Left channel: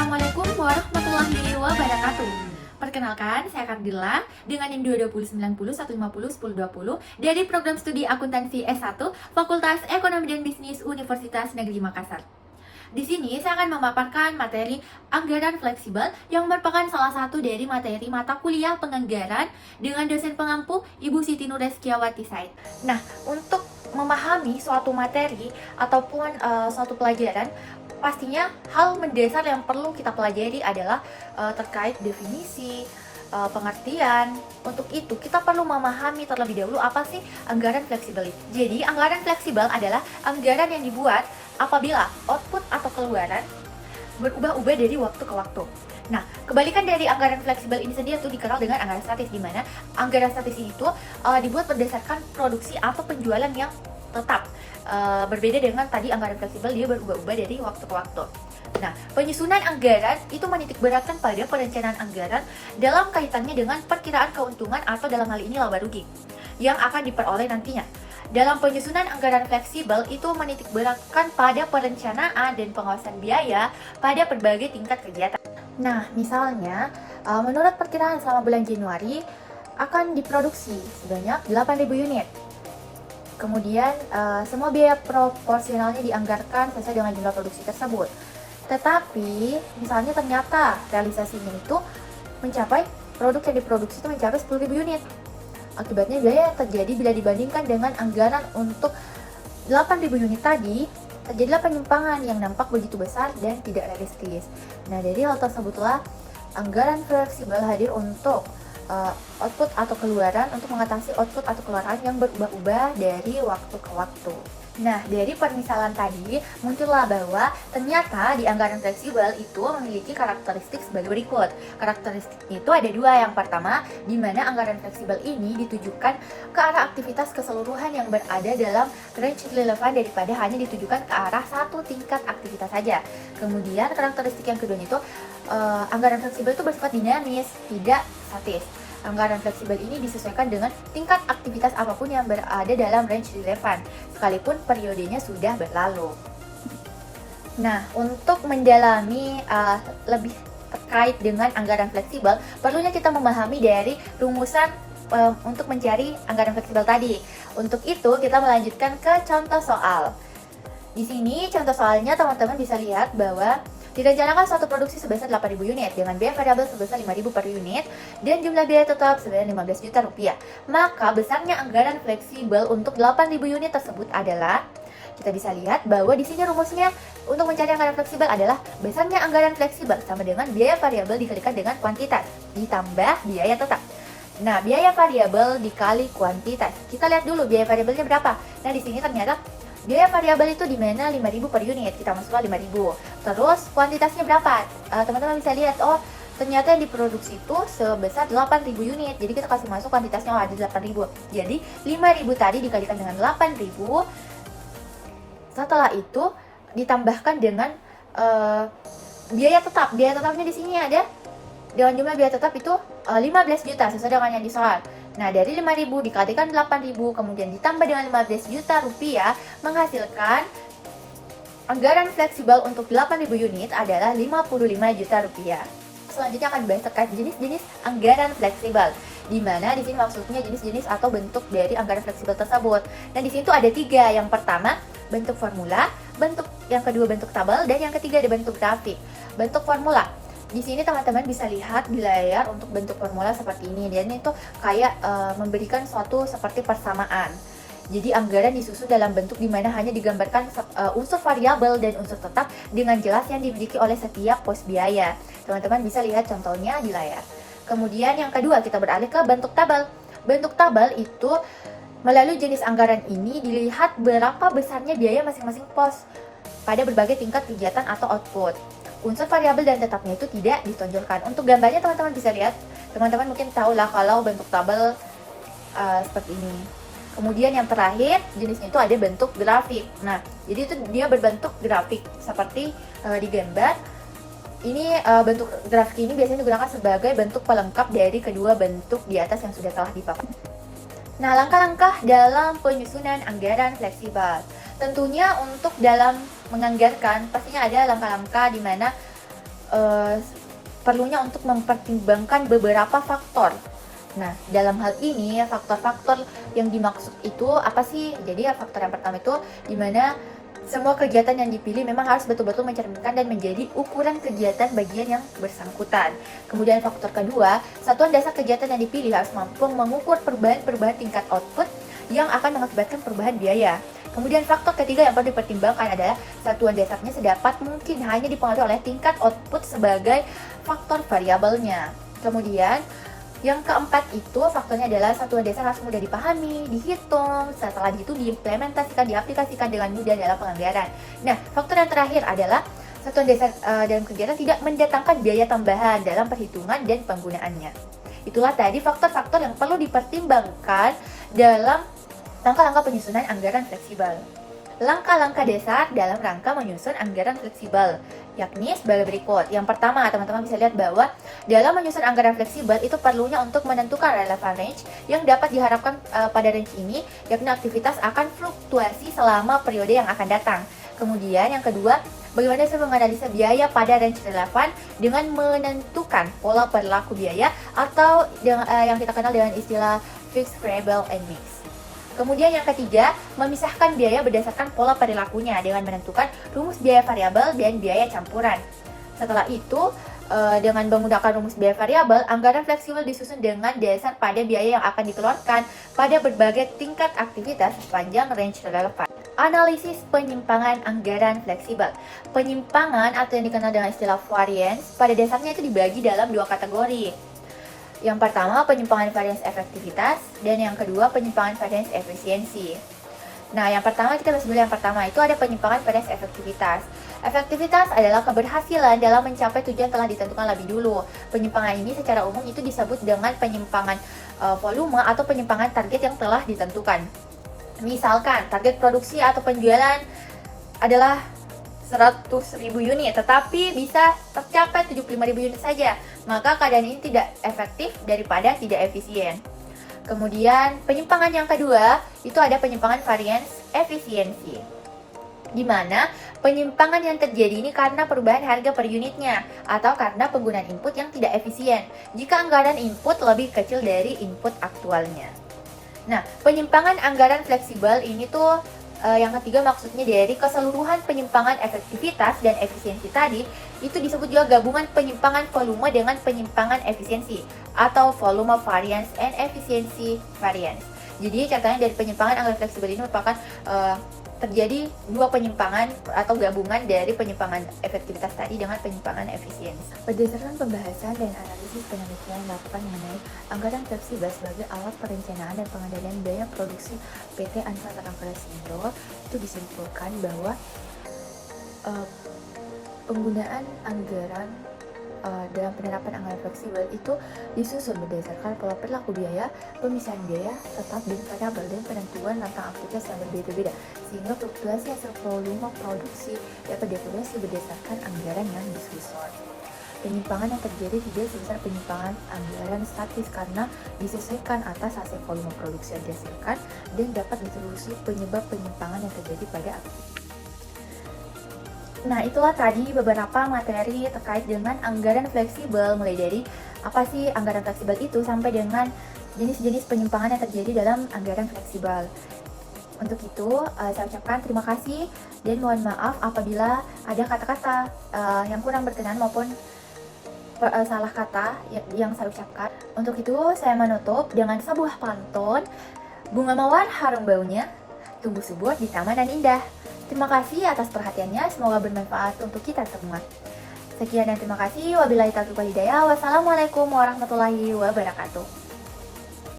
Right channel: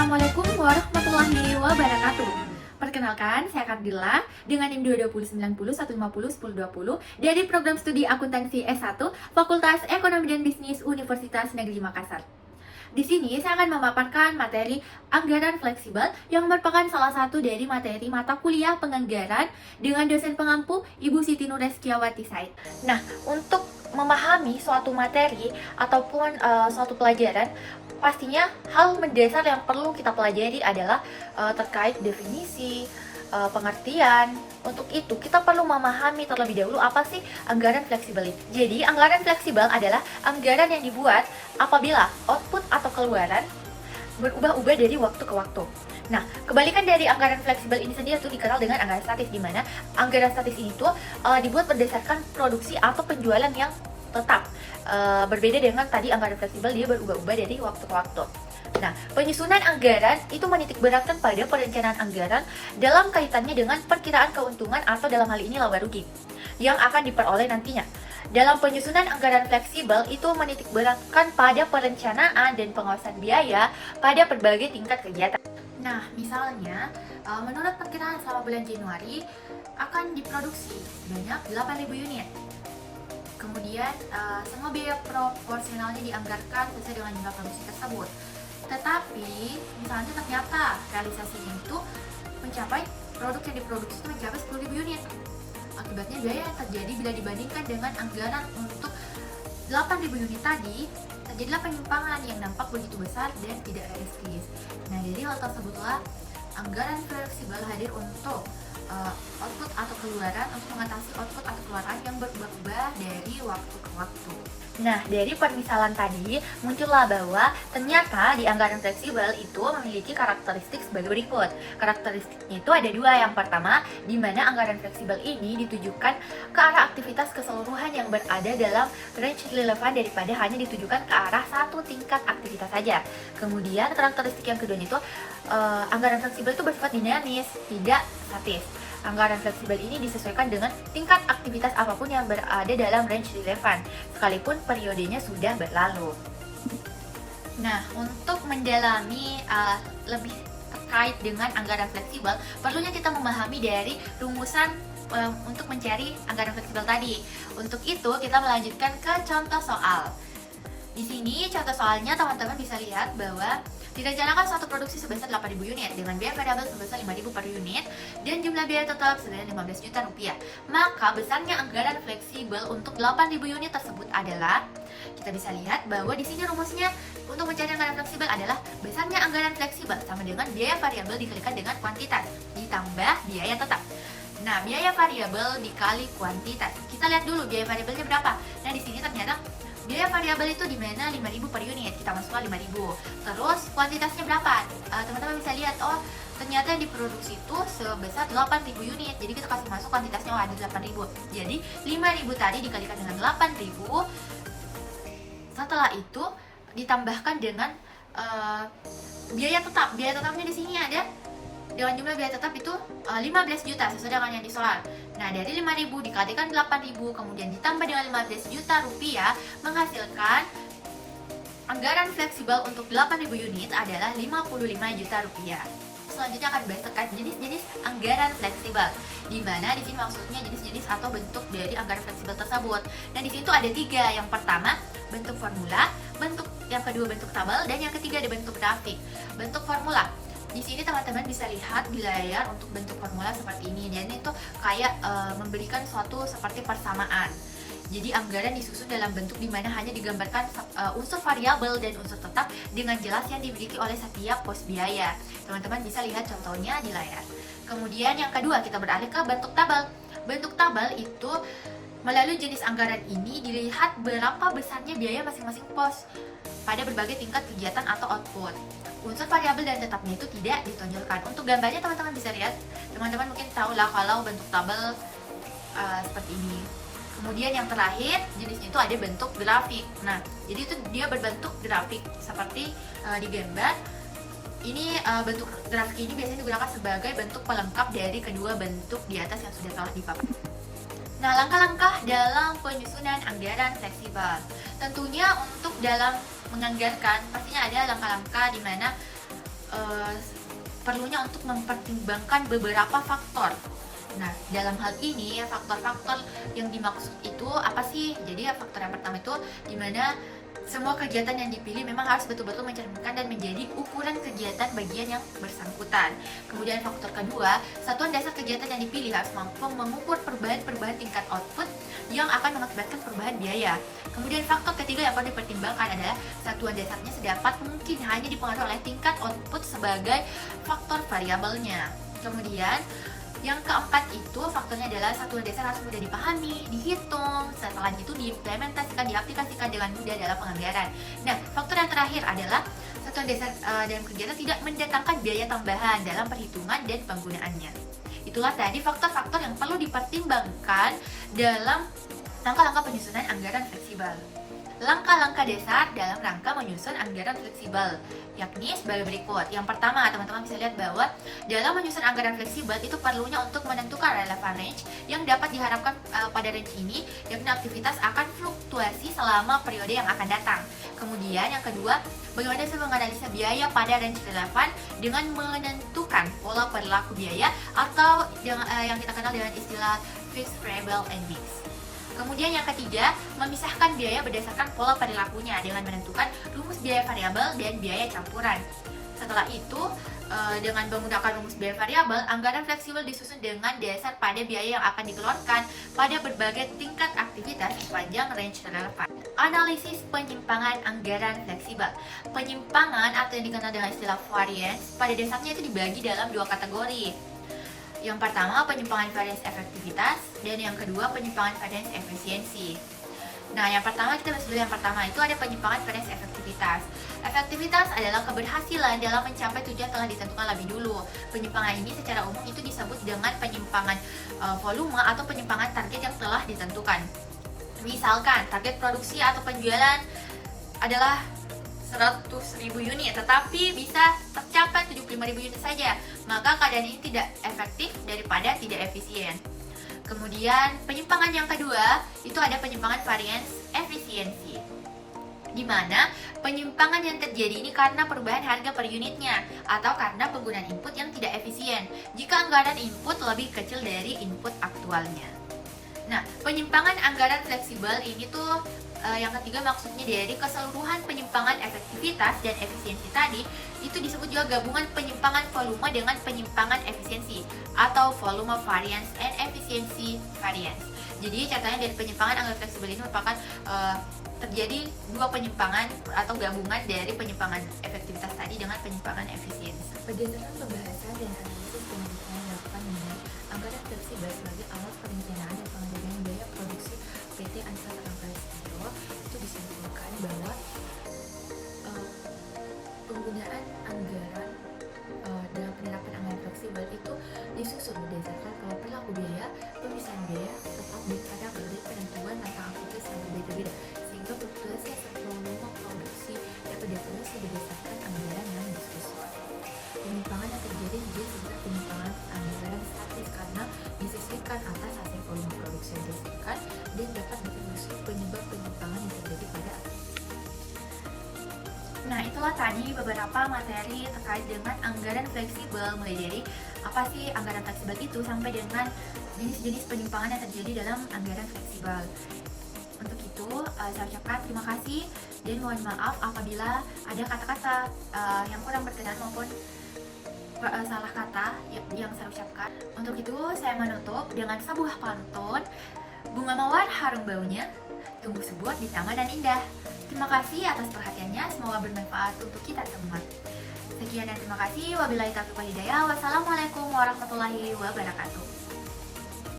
Assalamualaikum warahmatullahi wabarakatuh. Perkenalkan, saya Kardila dengan NIM 22090 150 1020 dari program studi akuntansi S1 Fakultas Ekonomi dan Bisnis Universitas Negeri Makassar. Di sini saya akan memaparkan materi anggaran fleksibel yang merupakan salah satu dari materi mata kuliah penganggaran dengan dosen pengampu Ibu Siti Nureskiawati Said. Nah, untuk memahami suatu materi ataupun suatu pelajaran, pastinya hal mendasar yang perlu kita pelajari adalah terkait definisi, pengertian. Untuk itu, kita perlu memahami terlebih dahulu apa sih anggaran fleksibel itu. Jadi, anggaran fleksibel adalah anggaran yang dibuat apabila output atau keluaran berubah-ubah dari waktu ke waktu. Nah, kebalikan dari anggaran fleksibel ini sendiri itu dikenal dengan anggaran statis, di mana anggaran statis ini tuh dibuat berdasarkan produksi atau penjualan yang tetap. Berbeda dengan tadi anggaran fleksibel, dia berubah-ubah dari waktu ke waktu. Nah, penyusunan anggaran itu menitikberatkan pada perencanaan anggaran dalam kaitannya dengan perkiraan keuntungan atau dalam hal ini laba rugi yang akan diperoleh nantinya. Dalam penyusunan anggaran fleksibel itu menitikberatkan pada perencanaan dan pengawasan biaya pada berbagai tingkat kegiatan. Nah, misalnya menurut perkiraan selama bulan Januari akan diproduksi sebanyak 8.000 unit. Kemudian semua biaya proporsionalnya dianggarkan sesuai dengan jumlah produksi tersebut. Tetapi misalnya ternyata realisasinya itu mencapai produk yang diproduksi itu mencapai 10.000 unit. Akibatnya biaya yang terjadi bila dibandingkan dengan anggaran untuk 8.000 unit tadi, terjadilah penyimpangan yang nampak begitu besar dan tidak realistis. Nah, dari hal tersebutlah anggaran fleksibel hadir untuk output atau keluaran, untuk mengatasi output atau keluaran yang berubah-ubah dari waktu ke waktu. Nah, dari permisalan tadi muncullah bahwa ternyata di anggaran fleksibel itu memiliki karakteristik sebagai berikut. Karakteristiknya itu ada dua. Yang pertama, di mana anggaran fleksibel ini ditujukan ke arah aktivitas keseluruhan yang berada dalam range relevan daripada hanya ditujukan ke arah satu tingkat aktivitas saja. Kemudian karakteristik yang kedua itu anggaran fleksibel itu bersifat dinamis, tidak statis. Anggaran fleksibel ini disesuaikan dengan tingkat aktivitas apapun yang berada dalam range relevan, sekalipun periodenya sudah berlalu. Nah, untuk mendalami lebih terkait dengan anggaran fleksibel, perlunya kita memahami dari rumusan untuk mencari anggaran fleksibel tadi. Untuk itu, kita melanjutkan ke contoh soal. Di sini contoh soalnya teman-teman bisa lihat bahwa direncanakan suatu produksi sebesar 8.000 unit dengan biaya variabel sebesar 5.000 per unit dan jumlah biaya total sebesar 15 juta rupiah. Maka besarnya anggaran fleksibel untuk 8.000 unit tersebut adalah, kita bisa lihat bahwa di sini rumusnya untuk mencari anggaran fleksibel adalah besarnya anggaran fleksibel sama dengan biaya variabel dikalikan dengan kuantitas ditambah biaya tetap. Nah, biaya variabel dikali kuantitas. Kita lihat dulu biaya variabelnya berapa. Nah, di sini ternyata biaya variabel itu di mana 5.000 per unit, kita masukkan 5.000. Terus kuantitasnya berapa? Teman-teman bisa lihat, oh ternyata yang diproduksi itu sebesar 8.000 unit. Jadi kita kasih masuk kuantitasnya, oh ada 8.000. Jadi 5.000 tadi dikalikan dengan 8.000. Setelah itu ditambahkan dengan biaya tetap. Biaya tetapnya di sini ada dengan jumlah biaya tetap itu 15 juta sesuai dengan yang di soal. Nah, dari 5.000 dikalikan 8.000 kemudian ditambah dengan 15 juta rupiah menghasilkan anggaran fleksibel untuk 8.000 unit adalah 55 juta rupiah. Selanjutnya akan dibahas terkait jenis-jenis anggaran fleksibel, di mana di sini maksudnya jenis-jenis atau bentuk dari anggaran fleksibel tersebut. Nah, di sini tuh ada 3. Yang pertama bentuk formula, yang kedua bentuk tabel, dan yang ketiga ada bentuk grafik. Bentuk formula. Di sini teman-teman bisa lihat di layar untuk bentuk formula seperti ini. Dan itu kayak memberikan suatu seperti persamaan. Jadi anggaran disusun dalam bentuk di mana hanya digambarkan unsur variabel dan unsur tetap dengan jelas yang dimiliki oleh setiap pos biaya. Teman-teman bisa lihat contohnya di layar. Kemudian yang kedua kita beralih ke bentuk tabel. Bentuk tabel itu melalui jenis anggaran ini dilihat berapa besarnya biaya masing-masing pos pada berbagai tingkat kegiatan atau output. Unsur variabel dan tetapnya itu tidak ditonjolkan. Untuk gambarnya teman-teman bisa lihat. Teman-teman mungkin tahu lah kalau bentuk tabel seperti ini. Kemudian yang terakhir jenisnya itu ada bentuk grafik. Nah, jadi itu dia berbentuk grafik seperti di gambar. Ini bentuk grafik ini biasanya digunakan sebagai bentuk pelengkap dari kedua bentuk di atas yang sudah telah dipaparkan. Nah, langkah-langkah dalam penyusunan anggaran fleksibel. Tentunya untuk dalam menganggarkan, pastinya ada langkah-langkah di mana eh, perlunya untuk mempertimbangkan beberapa faktor. Nah, dalam hal ini faktor-faktor yang dimaksud itu apa sih? Jadi faktor yang pertama itu dimana semua kegiatan yang dipilih memang harus betul-betul mencerminkan dan menjadi ukuran kegiatan bagian yang bersangkutan. Kemudian faktor kedua, satuan dasar kegiatan yang dipilih harus mampu mengukur perubahan-perubahan tingkat output yang akan mengakibatkan perubahan biaya. Kemudian faktor ketiga yang perlu dipertimbangkan adalah satuan dasarnya sedapat mungkin hanya dipengaruhi oleh tingkat output sebagai faktor variabelnya. Kemudian yang keempat itu faktornya adalah satuan dasar harus mudah dipahami, dihitung, setelah itu diimplementasikan, diaplikasikan dengan mudah dalam penganggaran. Nah, faktor yang terakhir adalah satuan dasar dalam kegiatan tidak mendatangkan biaya tambahan dalam perhitungan dan penggunaannya. Itulah tadi faktor-faktor yang perlu dipertimbangkan dalam langkah-langkah penyusunan anggaran fleksibel. Langkah-langkah dasar dalam rangka menyusun anggaran fleksibel, yakni sebagai berikut. Yang pertama, teman-teman bisa lihat bahwa dalam menyusun anggaran fleksibel itu perlunya untuk menentukan relevan range yang dapat diharapkan pada range ini, yakni aktivitas akan fluktuasi selama periode yang akan datang. Kemudian yang kedua, bagaimana saya menganalisa biaya pada range relevan dengan menentukan pola perilaku biaya atau yang kita kenal dengan istilah fixed variable and mix. Kemudian yang ketiga, memisahkan biaya berdasarkan pola perilakunya dengan menentukan rumus biaya variabel dan biaya campuran. Setelah itu, dengan menggunakan rumus biaya variabel, anggaran fleksibel disusun dengan dasar pada biaya yang akan dikeluarkan pada berbagai tingkat aktivitas sepanjang range relevan. Analisis penyimpangan anggaran fleksibel. Penyimpangan atau yang dikenal dengan istilah variance, pada dasarnya itu dibagi dalam dua kategori. Yang pertama, penyimpangan varians efektivitas, dan yang kedua, penyimpangan varians efisiensi. Nah, yang pertama kita bahas dulu. Yang pertama itu ada penyimpangan varians efektivitas. Efektivitas adalah keberhasilan dalam mencapai tujuan telah ditentukan lebih dulu. Penyimpangan ini secara umum itu disebut dengan penyimpangan volume atau penyimpangan target yang telah ditentukan. Misalkan, target produksi atau penjualan adalah 100.000 unit, tetapi bisa tercapai 75.000 unit saja, maka keadaan ini tidak efektif daripada tidak efisien. Kemudian penyimpangan yang kedua itu ada penyimpangan varians efisiensi, di mana penyimpangan yang terjadi ini karena perubahan harga per unitnya atau karena penggunaan input yang tidak efisien jika anggaran input lebih kecil dari input aktualnya. Nah, penyimpangan anggaran fleksibel ini tuh yang ketiga maksudnya dari keseluruhan penyimpangan efektivitas dan efisiensi tadi itu disebut juga gabungan penyimpangan volume dengan penyimpangan efisiensi atau volume variance and efficiency variance. Jadi catatan dari penyimpangan anggaran fleksibel ini merupakan terjadi dua penyimpangan atau gabungan dari penyimpangan efektivitas tadi dengan penyimpangan efisiensi. Berdasarkan pembahasan dan analisis penelitian yang dilakukan mengenai anggaran fleksibel sebagai alat perencanaan dan pengendalian biaya produksi PT Ansantara Prasindo, itu disimpulkan bahwa penggunaan anggaran dalam penerapan anggaran fleksibel itu disusun berdasarkan pola perilaku biaya, pemisahan biaya, tetap dan variabel, dan penentuan tentang aktivitas yang berbeda-beda, sehingga fluktuasi hasil volume produksi dapat dievaluasi berdasarkan anggaran yang disusun. Penyimpangan yang terjadi juga sekitar penyimpangan anggaran statis karena disesuaikan atas hasil volume produksi yang dihasilkan dan dapat ditelusuri penyebab penyimpangan yang terjadi pada aktivitas. Nah, itulah tadi beberapa materi terkait dengan anggaran fleksibel, mulai dari apa sih anggaran fleksibel itu sampai dengan jenis-jenis penyimpangan yang terjadi dalam anggaran fleksibel. Untuk itu, saya ucapkan terima kasih dan mohon maaf apabila ada kata-kata yang kurang berkenan maupun salah kata yang saya ucapkan. Untuk itu, saya menutup dengan sebuah pantun, bunga mawar harum baunya, tumbuh subur di taman dan indah. Terima kasih atas perhatiannya, semoga bermanfaat untuk kita semua. Sekian dan terima kasih. Wabillahi taufiq wal hidayah. Wassalamualaikum warahmatullahi wabarakatuh.